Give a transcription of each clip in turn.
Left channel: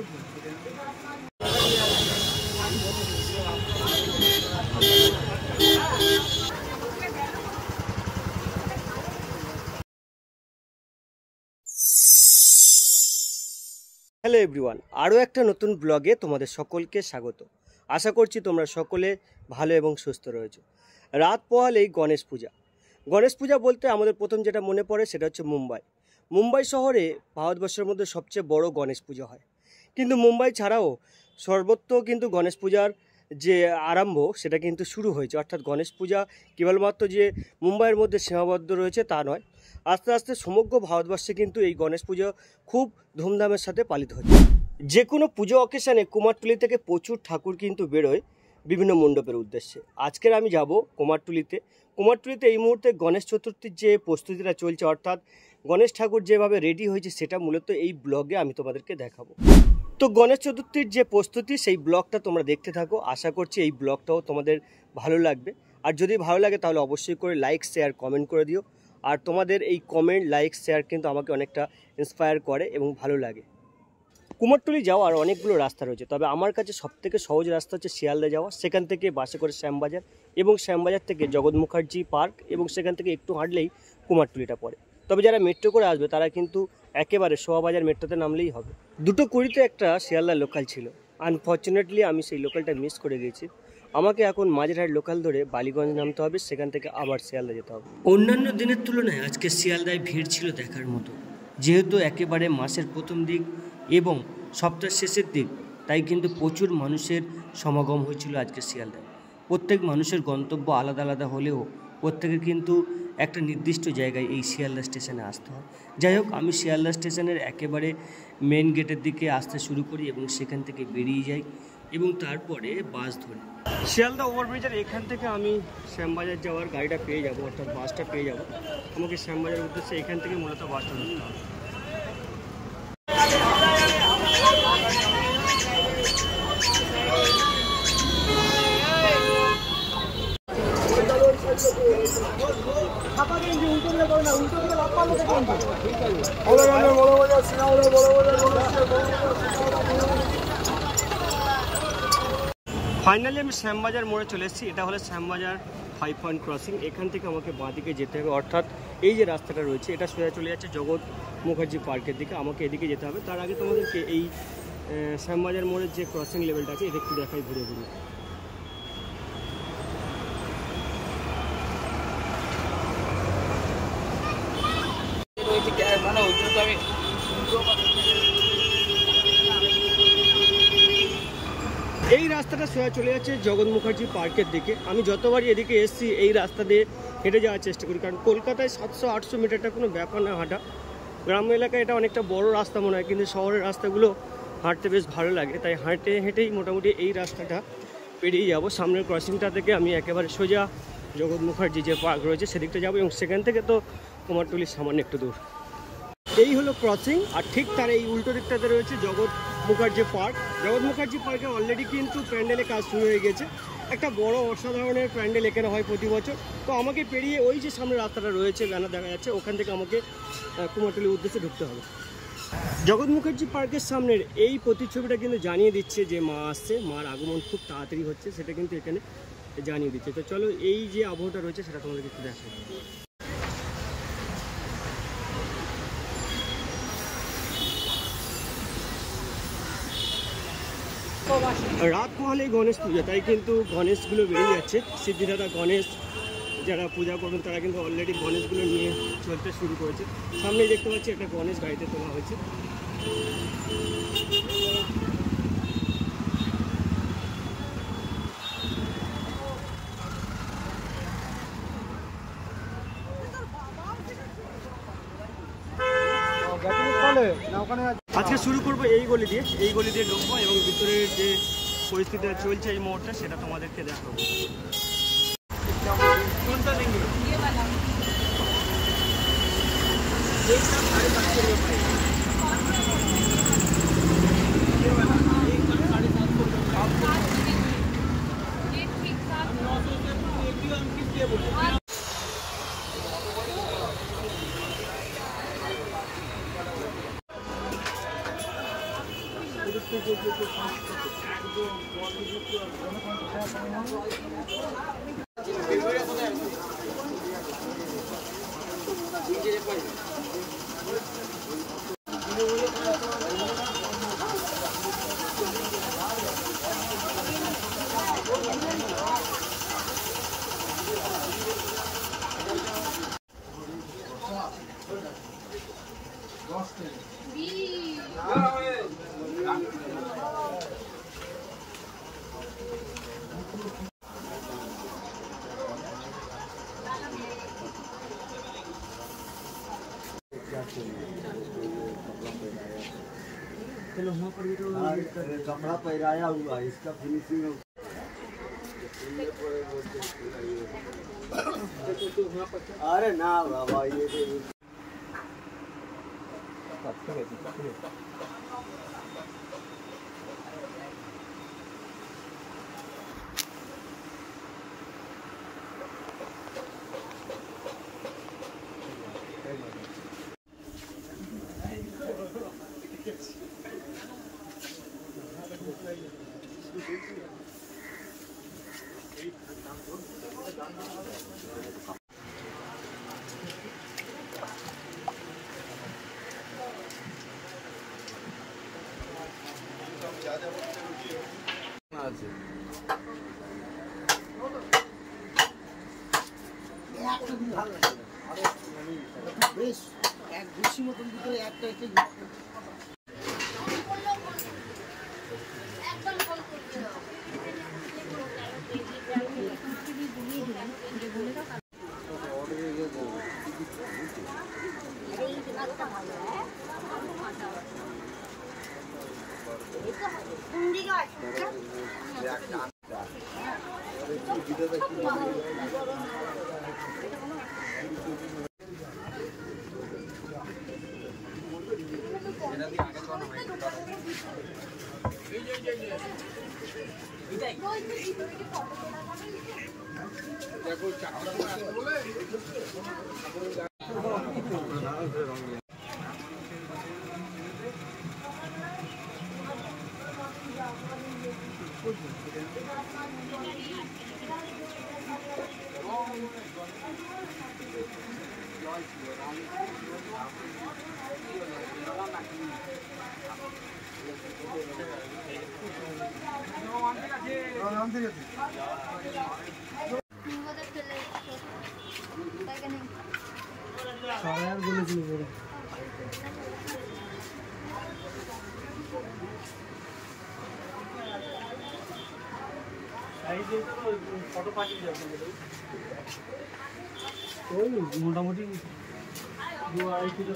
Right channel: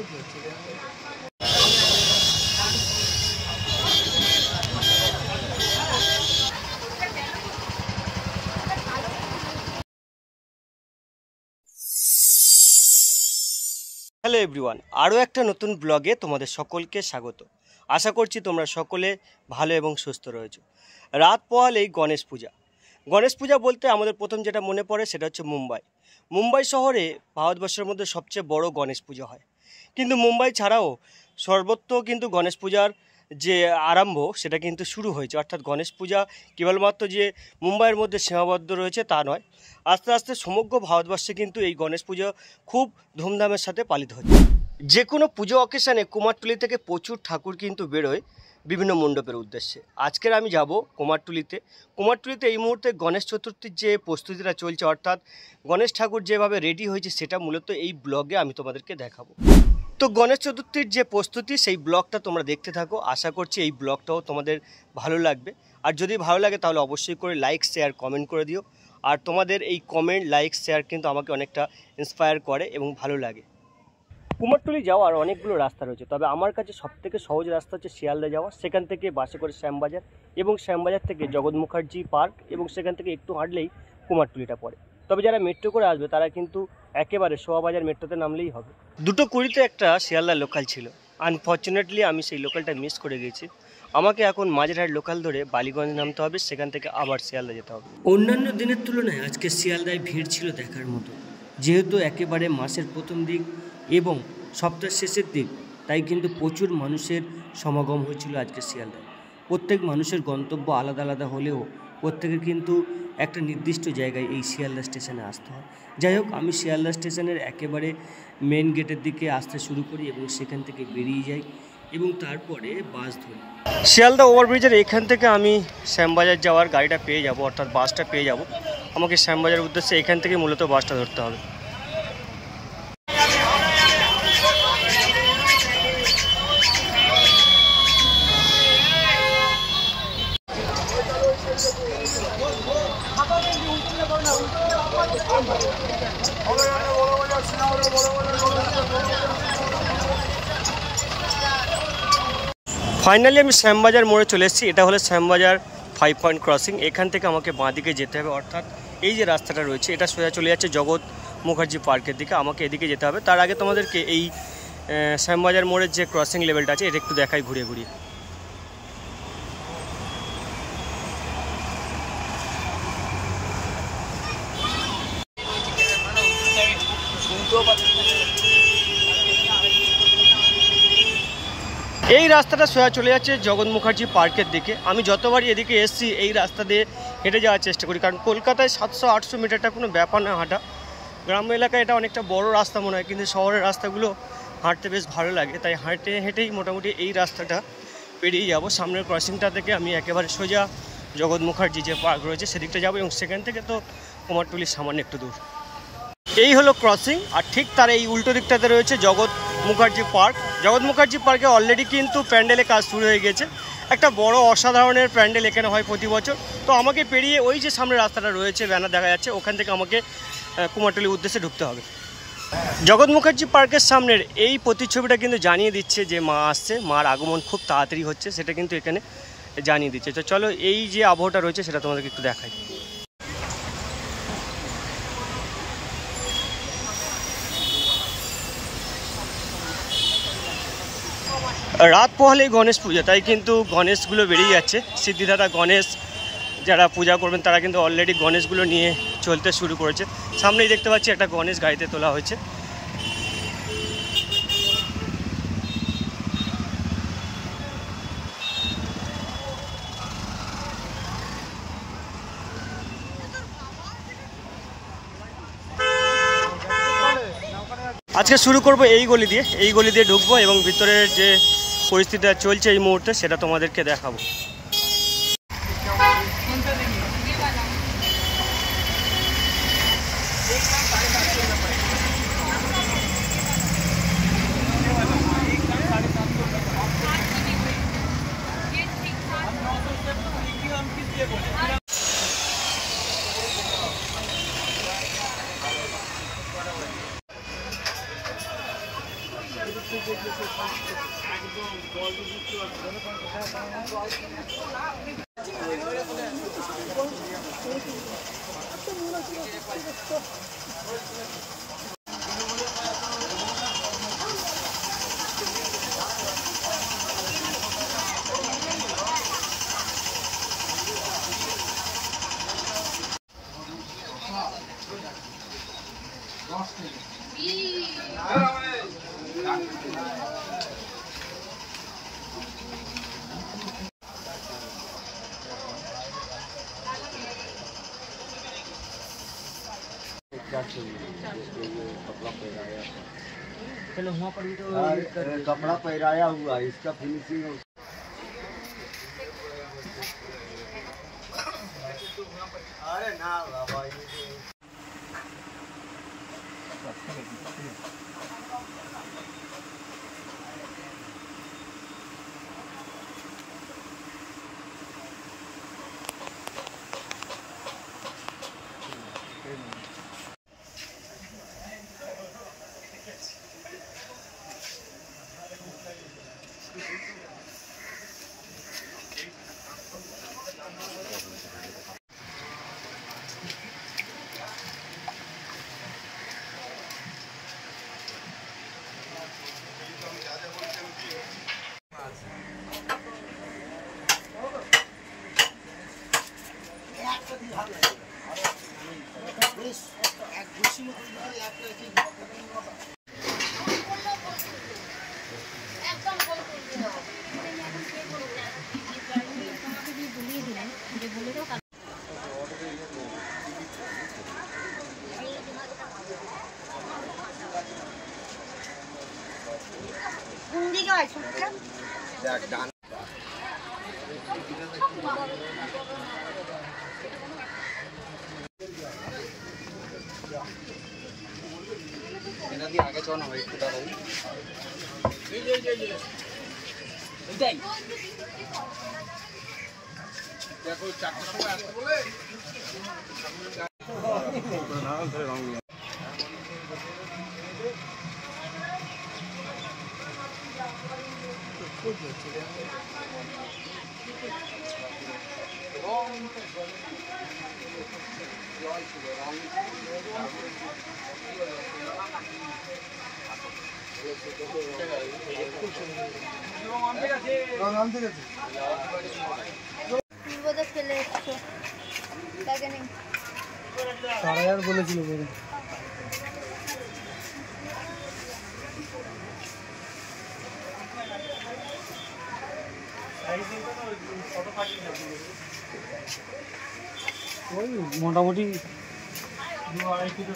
Hello everyone, আরও একটা নতুন ব্লগে তোমাদের সকলকে স্বাগত। আশা করছি তোমরা সকলে ভালো এবং সুস্থ রয়েছো। রাত পোহালেই গণেশ পূজা। গণেশ পূজা বলতে আমাদের প্রথম যেটা মনে পড়ে সেটা হচ্ছে মুম্বাই শহরে ভারতবর্ষের মধ্যে সবচেয়ে বড় গণেশ পূজা হয়। কিন্তু মুম্বাই ছাড়াও সর্বত্র কিন্তু গণেশ পূজার যে আরম্ভ সেটা কিন্তু শুরু হয়েছে। অর্থাৎ গণেশ পূজা কেবলমাত্র যে মুম্বাইয়ের মধ্যে সীমাবদ্ধ রয়েছে তা নয়, আস্তে আস্তে সমগ্র ভারতবর্ষে কিন্তু এই গণেশ পুজো খুব ধুমধামের সাথে পালিত হচ্ছে। যে কোনো পুজো অকেশানে কুমারটুলি থেকে প্রচুর ঠাকুর কিন্তু বেরোয় বিভিন্ন মণ্ডপের উদ্দেশ্যে। আজকের আমি যাব কুমারটুলিতে এই মুহূর্তে গণেশ চতুর্থীর যে প্রস্তুতিটা চলছে, অর্থাৎ গণেশ ঠাকুর যেভাবে রেডি হয়েছে সেটা মূলত এই ব্লগে আমি তোমাদেরকে দেখাবো। তো গণেশ চতুর্থীর যে প্রস্তুতি সেই ব্লগটা তোমরা দেখতে থাকো। আশা করছি এই ব্লগটাও তোমাদের ভালো লাগবে। আর যদি ভালো লাগে তাহলে অবশ্যই করে লাইক, শেয়ার, কমেন্ট করে দিও। আর তোমাদের এই কমেন্ট, লাইক, শেয়ার কিন্তু আমাকে অনেকটা ইন্সপায়ার করে এবং ভালো লাগে। কুমারটুলি যাওয়ার অনেকগুলো রাস্তা রয়েছে, তবে আমার কাছে সবথেকে সহজ রাস্তা হচ্ছে শিয়ালদা যাওয়া। সেখান থেকে বাসে করে শ্যামবাজার, এবং শ্যামবাজার থেকে জগৎ মুখার্জি পার্ক, এবং সেখান থেকে একটু হাঁটলেই কুমারটুলিটা পড়ে। তবে যারা মেট্রো করে আসবে তারা কিন্তু একেবারে শোভাবাজার মেট্রোতে নামলেই হবে। 2:20 একটা শিয়ালদা লোকাল ছিল। আনফর্চুনেটলি আমি সেই লোকালটা মিস করে গেছি। আমাকে এখন মাঝেরহাট লোকাল ধরে বালিগঞ্জ নামতে হবে, সেখান থেকে আবার শিয়ালদা যেতে হবে। অন্যান্য দিনের তুলনায় আজকে শিয়ালদায় ভিড় ছিল দেখার মতো। যেহেতু একেবারে মাসের প্রথম দিক এবং সপ্তাহের শেষের দিক, তাই কিন্তু প্রচুর মানুষের সমাগম হয়েছিল আজকে শিয়ালদায়। প্রত্যেক মানুষের গন্তব্য আলাদা আলাদা হলেও প্রত্যেকের কিন্তু একটা নির্দিষ্ট জায়গায় এই শিয়ালদা স্টেশনে আসতে হয়। যাই হোক, আমি শিয়ালদা স্টেশনের একেবারে মেন গেটের দিকে আসতে শুরু করি এবং সেখান থেকে বেরিয়ে যাই এবং তারপরে বাস ধরি। শিয়ালদা ওভারব্রিজের এখান থেকে আমি শ্যামবাজার যাওয়ার গাড়িটা পেয়ে যাব, অর্থাৎ বাসটা পেয়ে যাব। আমাকে শ্যামবাজারের উদ্দেশ্যে এখান থেকে মূলত বাসটা ধরতে হবে। ফাইনালি আমি শ্যামবাজার মোড়ে চলে এসেছি। এটা হলো শ্যামবাজার 5 পয়েন্ট ক্রসিং। এখান থেকে আমাকে বাঁ দিকে যেতে হবে, অর্থাৎ এই যে রাস্তাটা রয়েছে এটা সোজা চলে যাচ্ছে জগৎ মুখার্জি পার্কের দিকে। আমাকে এদিকে যেতে হবে। তার আগে তোমাদেরকে এই শ্যামবাজার মোড়ের যে ক্রসিং লেভেলটা আছে এটা একটু দেখাই ঘুরিয়ে ঘুরিয়ে। এই রাস্তাটা সোজা চলে যাচ্ছে জগৎ মুখার্জি পার্কের দিকে। আমি যতবারই এদিকে এসছি এই রাস্তা দিয়ে হেঁটে যাওয়ার চেষ্টা করি, কারণ কলকাতায় 700-800 মিটারটা কোনো ব্যাপার না হাঁটা। গ্রাম্য এলাকায় এটা অনেকটা বড় রাস্তা মনে হয়, কিন্তু শহরের রাস্তাগুলো হাঁটতে বেশ ভালো লাগে। তাই হেঁটেই মোটামুটি এই রাস্তাটা পেরিয়ে যাব। সামনের ক্রসিংটা থেকে আমি একেবারে সোজা জগৎ মুখার্জি যে পার্ক রয়েছে সেদিকটা যাবো, এবং সেখান থেকে তো কুমারটুলির সামান্য একটু দূর। এই হলো ক্রসিং, আর ঠিক তার এই উল্টো দিকটাতে রয়েছে জগৎ মুখার্জি পার্ক। জগৎ মুখার্জি পার্কে অলরেডি কিন্তু প্যান্ডেলের কাজ শুরু হয়ে গেছে। একটা বড় অসাধারণের প্যান্ডেল এখানে হয় প্রতি বছর। তো আমাকে পেরিয়ে ওই যে সামনে রাস্তাটা রয়েছে, ব্যানার দেখা যাচ্ছে, ওখান থেকে আমাকে কুমারটুলির উদ্দেশ্যে ঢুকতে হবে। জগৎ মুখার্জি পার্কের সামনের এই প্রতিচ্ছবিটা কিন্তু জানিয়ে দিচ্ছে যে মা আসছে, মার আগমন খুব তাড়াতাড়ি হচ্ছে, সেটা কিন্তু এখানে জানিয়ে দিচ্ছে। তো চলো এই যে আবহাওয়াটা রয়েছে সেটা তোমাদেরকে একটু দেখাই। রাত পোহালেই গণেশ পূজা, তাই কিন্তু গণেশগুলো বেরিয়ে যাচ্ছে। সিদ্ধিদাতা গণেশ যারা পূজা করবেন তারা কিন্তু অলরেডি গণেশগুলো নিয়ে চলতে শুরু করেছে। সামনেই দেখতে পাচ্ছি একটা গণেশ গাড়িতে তোলা হয়েছে। আজকে শুরু করব এই গলি দিয়ে ঢুকবো এবং ভিতরের যে পরিস্থিতিটা চলছে এই মুহূর্তে সেটা তোমাদেরকে দেখাবো। कपड़ा पहनाया हुआ है, इसका फिनिशिंग अरे ना बाबा ये आगे चलो ना भाई মোটামুটি 2-2.5 কিলো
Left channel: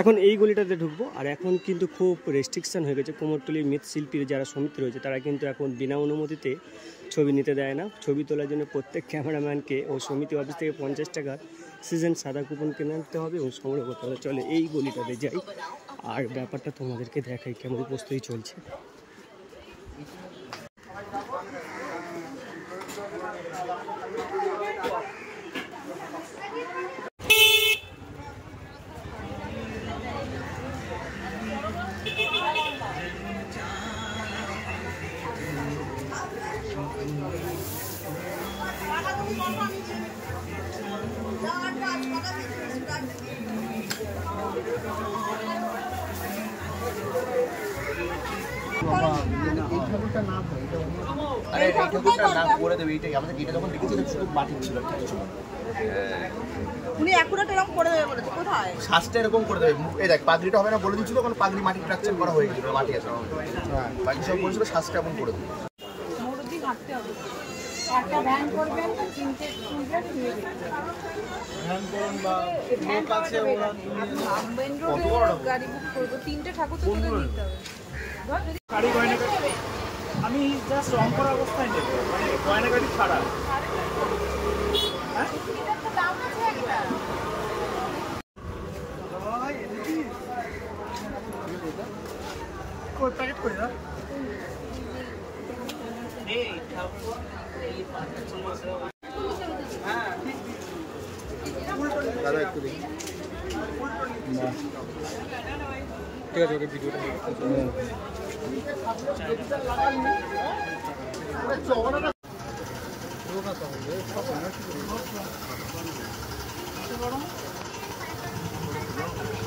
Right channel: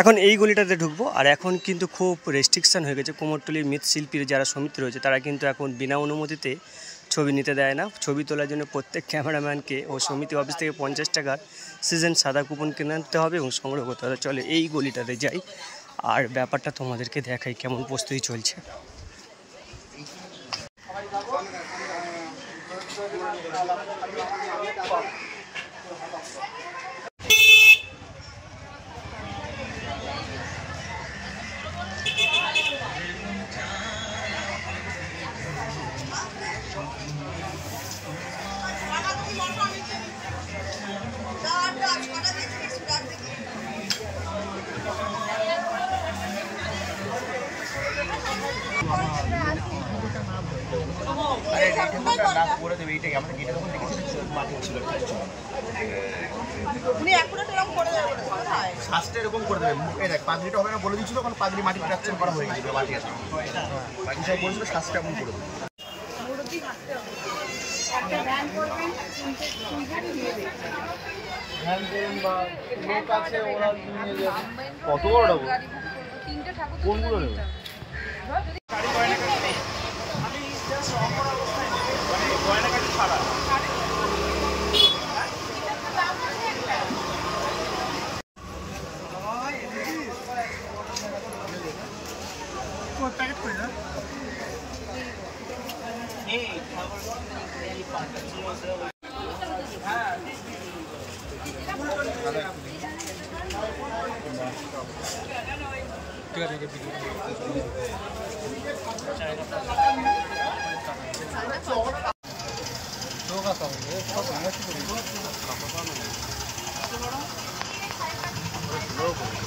এখন এই গলিটাতে ঢুকবো। আর এখন কিন্তু খুব রেস্ট্রিকশান হয়ে গেছে, কুমোরটুলির মৃৎশিল্পীর যারা সমিতি রয়েছে তারা কিন্তু এখন বিনা অনুমতিতে ছবি নিতে দেয় না। ছবি তোলার জন্য প্রত্যেক ক্যামেরাম্যানকে ও সমিতি অফিস থেকে 50 টাকার সিজন সাদা কুপন কিনে আনতে হবে এবং সংগ্রহ করতে হবে। চলে এই গলিটাতে যাই আর ব্যাপারটা তোমাদেরকে দেখাই কেমন প্রস্তুতি চলছে। अरे ना করে দেবে এইটাই আমাদের গেটে যখন দেখেছি শুধু মাটি ছিল। উনি অ্যাকুরেট এরকম করে দেবে বলে কোথায় শ্বাসটা এরকম করে দেবে। এই দেখ পাগড়িটা হবে না বলে দিচ্ছিল, কারণ পাগড়ি মাটি কাটছে করা হয়ে গেছিল, মাটি আছে বাকি সব বলছিল শ্বাসটা এমন করে দেবে। মুরব্বি হাঁটতে হবে একটা ভ্যান করবেন তিনটে ধ্যান করুন বা লোক আছে ওরা নিয়ে যাবে। কত বড় গাড়ি বুক করব তিনটে ঠাকুর তো তুলে নিতে হবে গাড়ি গয়না আমি জাস্ট রং করা অবস্থায় নেই, মানে গয়না গাড়ি ছাড়া। প্যাকেট করে না ঠিক আছে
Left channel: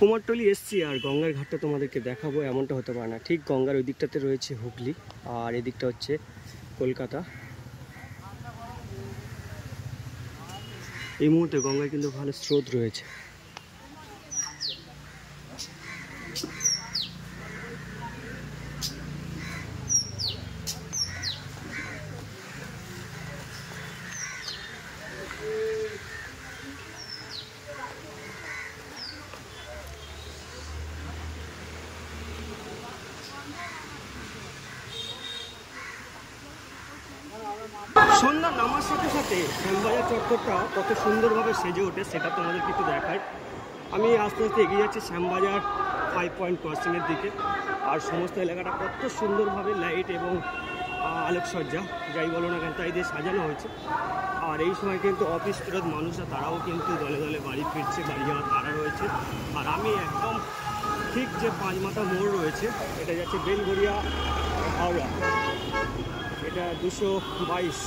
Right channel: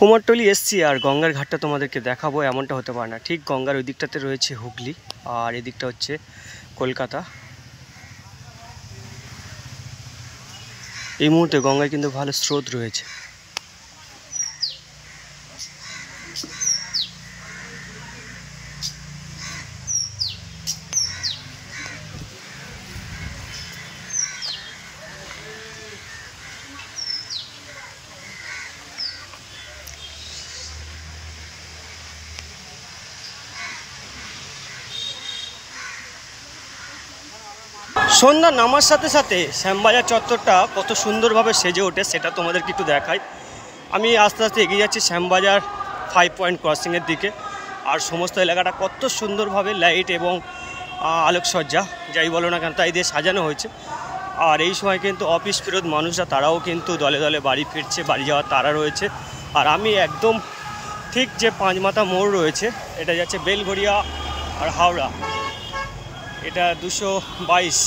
কুমারটুলি এসছি আর গঙ্গার ঘাটটা তোমাদেরকে দেখাবো এমনটা হতে পারে না। ঠিক গঙ্গার ওই দিকটাতে রয়েছে হুগলি আর এদিকটা হচ্ছে কলকাতা। এই মুহূর্তে গঙ্গায় কিন্তু ভালো স্রোত রয়েছে। সন্ধ্যা নামার সাথে সাথে শ্যামবাজার চত্বরটা কত সুন্দরভাবে সেজে ওঠে সেটা তোমাদেরকে একটু দেখাই। আমি আস্তে আস্তে এগিয়ে যাচ্ছি শ্যামবাজার 5 পয়েন্ট ক্রসিংয়ের দিকে। আর সমস্ত এলাকাটা কত সুন্দরভাবে লাইট এবং আলোকসজ্জা যাই বলো না কেন তাই দিয়ে সাজানো হয়েছে। আর এই সময় কিন্তু অফিস ফেরত মানুষরা তারাও কিন্তু দলে দলে বাড়ি ফিরছে, বাড়ি যাওয়ার তারা রয়েছে। আর আমি একদম ঠিক যে পাঁচমাথা মোড় রয়েছে, এটা যাচ্ছে বেলঘড়িয়া আর হাওড়া, এটা 222।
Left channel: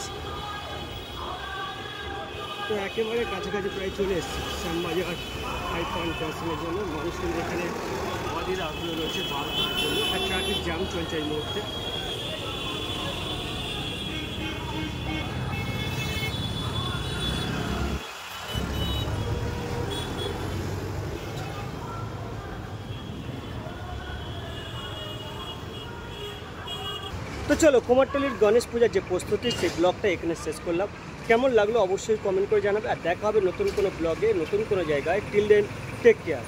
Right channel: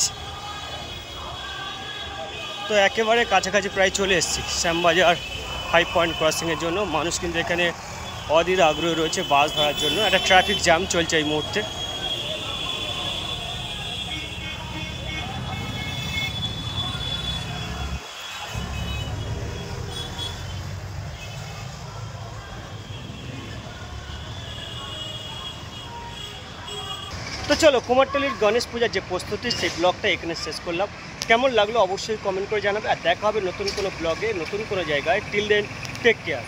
তো একেবারে কাছাকাছি প্রায় চলে এসেছি শ্যামবাজার 5 পয়েন্ট ক্রসিংয়ের জন্য। মানুষ কিন্তু এখানে অধীর আগ্রহ রয়েছে বাস ধরার জন্য। একটা ট্রাফিক জ্যাম চলছে এই মুহূর্তে। তো চলো কুমারটুলির গণেশ পূজার যে প্রস্তুতি সেই ব্লগটা এখানে শেষ করলাম। কেমন লাগলো অবশ্যই কমেন্ট করে জানাবে। আর দেখা হবে নতুন কোনো ব্লগে নতুন কোনো জায়গায়। Till then take care.